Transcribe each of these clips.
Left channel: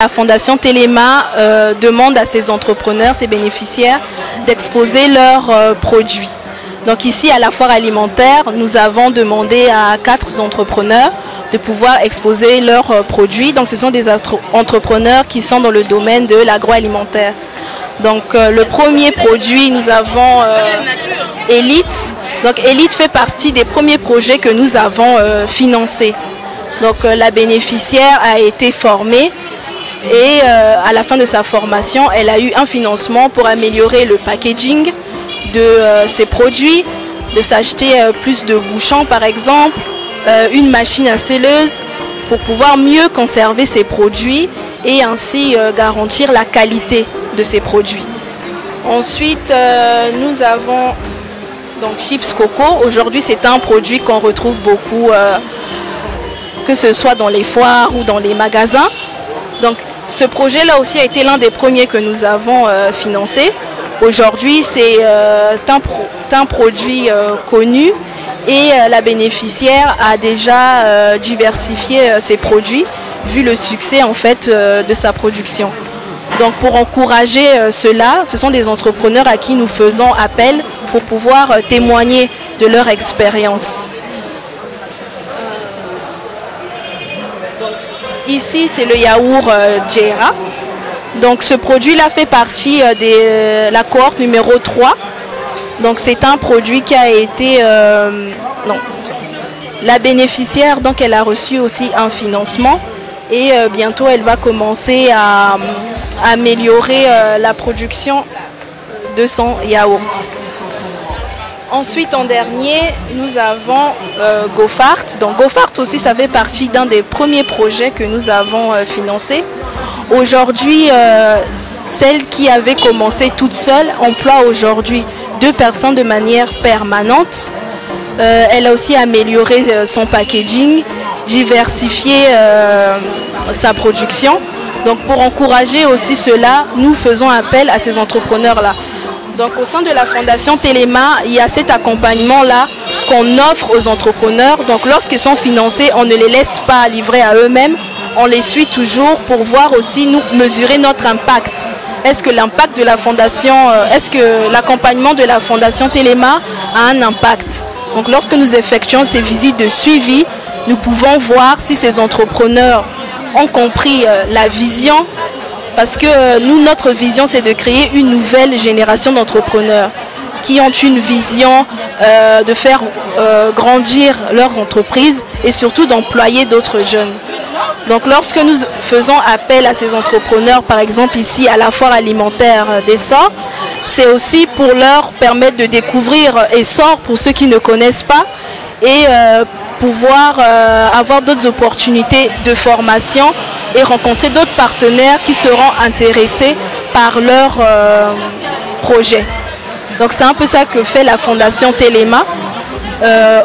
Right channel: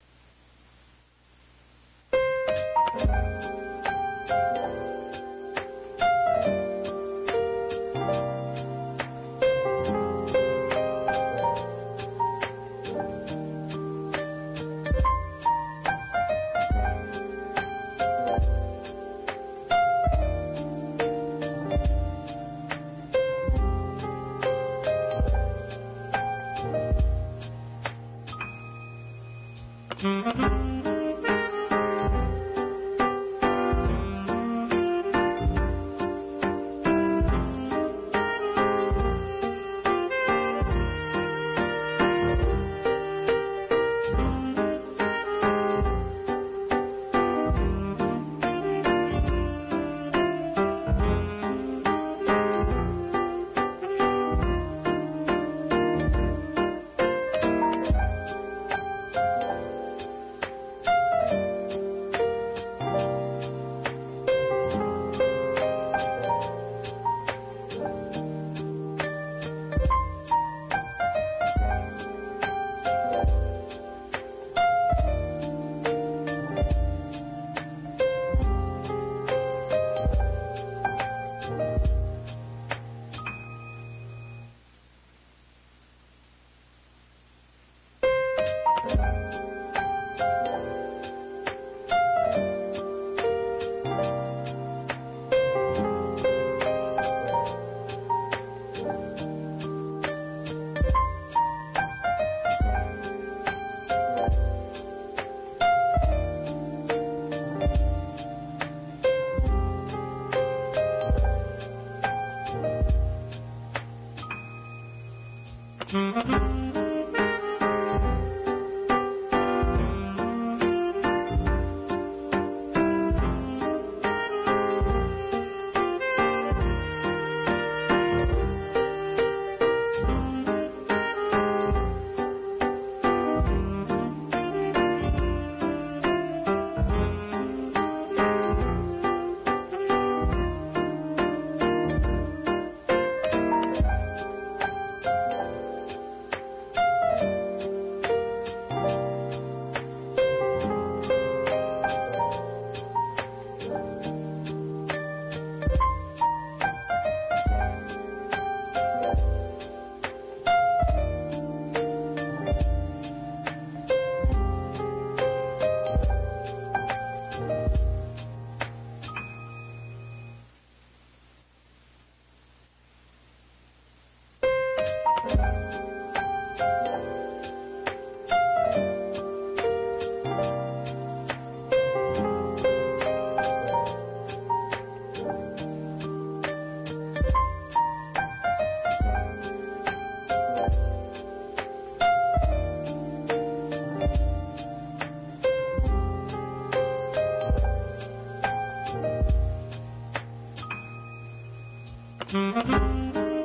La Fondation Téléma demande à ses entrepreneurs, ses bénéficiaires, d'exposer leurs produits. Donc ici, à la foire alimentaire, nous avons demandé à 4 entrepreneurs de pouvoir exposer leurs produits. Donc ce sont des entrepreneurs qui sont dans le domaine de l'agroalimentaire. Donc le premier produit, nous avons Elite. Donc Elite fait partie des premiers projets que nous avons financés. Donc la bénéficiaire a été formée. Et à la fin de sa formation, elle a eu un financement pour améliorer le packaging de ses produits, de s'acheter plus de bouchons par exemple, une machine à scelleuse pour pouvoir mieux conserver ses produits et ainsi garantir la qualité de ses produits. Ensuite, nous avons donc Chips Coco. Aujourd'hui, c'est un produit qu'on retrouve beaucoup, que ce soit dans les foires ou dans les magasins. Donc, ce projet-là aussi a été l'un des premiers que nous avons financé. Aujourd'hui, c'est un produit connu et la bénéficiaire a déjà diversifié ses produits vu le succès en fait de sa production. Donc, pour encourager cela, ce sont des entrepreneurs à qui nous faisons appel pour pouvoir témoigner de leur expérience. Ici, c'est le yaourt Jera. Donc, ce produit-là fait partie de la cohorte numéro 3. Donc, c'est un produit qui a été... La bénéficiaire, donc, elle a reçu aussi un financement. Et bientôt, elle va commencer à améliorer la production de son yaourt. Ensuite, en dernier, nous avons GoFart. Donc GoFart aussi, ça fait partie d'un des premiers projets que nous avons financé. Aujourd'hui, celle qui avait commencé toute seule emploie aujourd'hui 2 personnes de manière permanente. Elle a aussi amélioré son packaging diversifier sa production. Donc pour encourager aussi cela, nous faisons appel à ces entrepreneurs-là. Donc au sein de la Fondation Téléma, il y a cet accompagnement-là qu'on offre aux entrepreneurs. Donc lorsqu'ils sont financés, on ne les laisse pas livrer à eux-mêmes. On les suit toujours pour voir aussi, nous, mesurer notre impact. Est-ce que l'impact de la Fondation, est-ce que l'accompagnement de la Fondation Téléma a un impact? Donc lorsque nous effectuons ces visites de suivi, nous pouvons voir si ces entrepreneurs ont compris la vision. Parce que nous, notre vision, c'est de créer une nouvelle génération d'entrepreneurs qui ont une vision de faire grandir leur entreprise et surtout d'employer d'autres jeunes. Donc lorsque nous faisons appel à ces entrepreneurs, par exemple ici à la foire alimentaire d'Essor, c'est aussi pour leur permettre de découvrir Essor pour ceux qui ne connaissent pas et pouvoir avoir d'autres opportunités de formation et rencontrer d'autres partenaires qui seront intéressés par leur projet. Donc c'est un peu ça que fait la Fondation Téléma.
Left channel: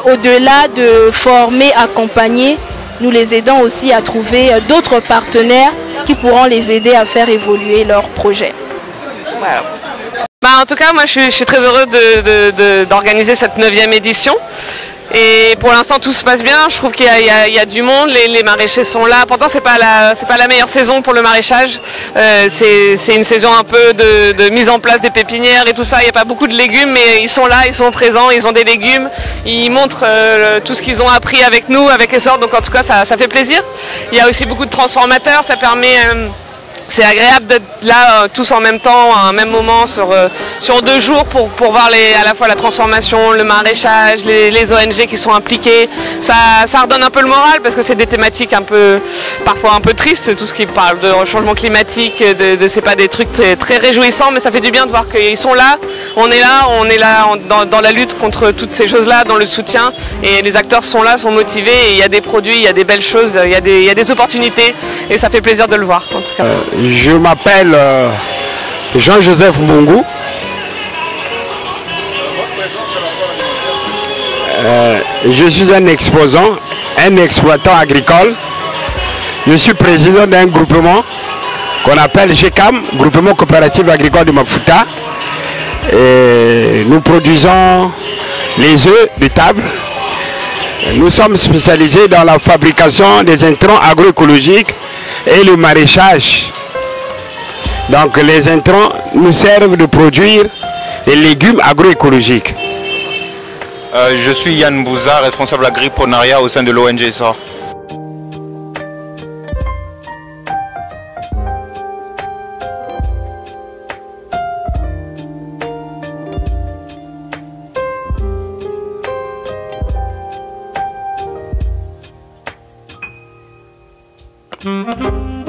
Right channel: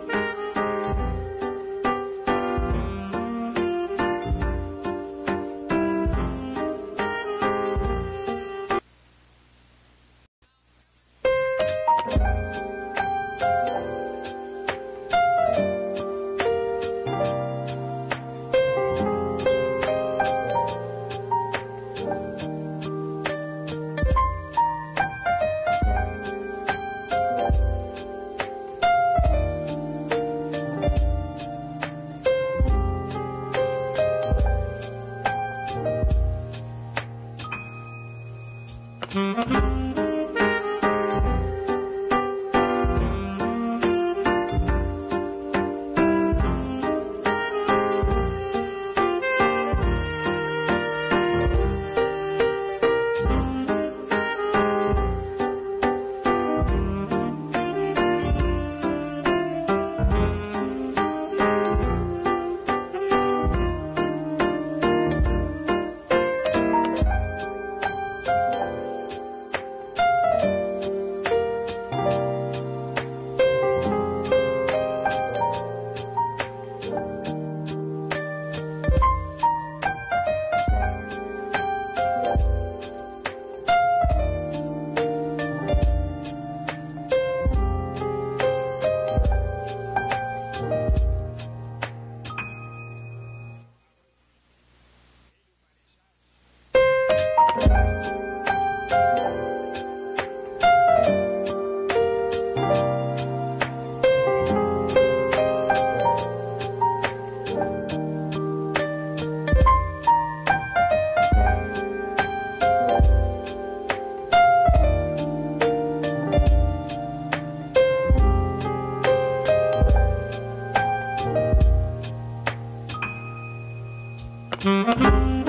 Au-delà de former, accompagner, nous les aidons aussi à trouver d'autres partenaires qui pourront les aider à faire évoluer leur projet. Voilà. En tout cas, moi je suis très heureux d'organiser cette 9e édition. Et pour l'instant tout se passe bien, je trouve qu'il y a du monde, les maraîchers sont là. Pourtant c'est pas la meilleure saison pour le maraîchage, c'est une saison un peu de mise en place des pépinières et tout ça. Il n'y a pas beaucoup de légumes mais ils sont là, ils sont présents, ils ont des légumes, ils montrent tout ce qu'ils ont appris avec nous, avec Essor, donc en tout cas ça fait plaisir. Il y a aussi beaucoup de transformateurs, ça permet... C'est agréable d'être là tous en même temps, à un même moment, sur 2 jours pour voir à la fois la transformation, le maraîchage, les ONG qui sont impliquées. Ça redonne un peu le moral parce que c'est des thématiques parfois un peu tristes, tout ce qui parle de changement climatique, c'est pas des trucs très réjouissants, mais ça fait du bien de voir qu'ils sont là. On est là dans la lutte contre toutes ces choses-là, dans le soutien, et les acteurs sont là, sont motivés, et il y a des produits, il y a des belles choses, il y a des opportunités, et ça fait plaisir de le voir en tout cas. Je m'appelle Jean-Joseph Mbongou. Je suis un exposant, un exploitant agricole. Je suis président d'un groupement qu'on appelle GECAM, Groupement Coopératif Agricole de Mafuta. Et nous produisons les œufs de table. Nous sommes spécialisés dans la fabrication des intrants agroécologiques et le maraîchage. Donc les intrants nous servent de produire des légumes agroécologiques. Je suis Yann Bouza, responsable agriponaria au sein de l'ONG Essor. Mm-hmm.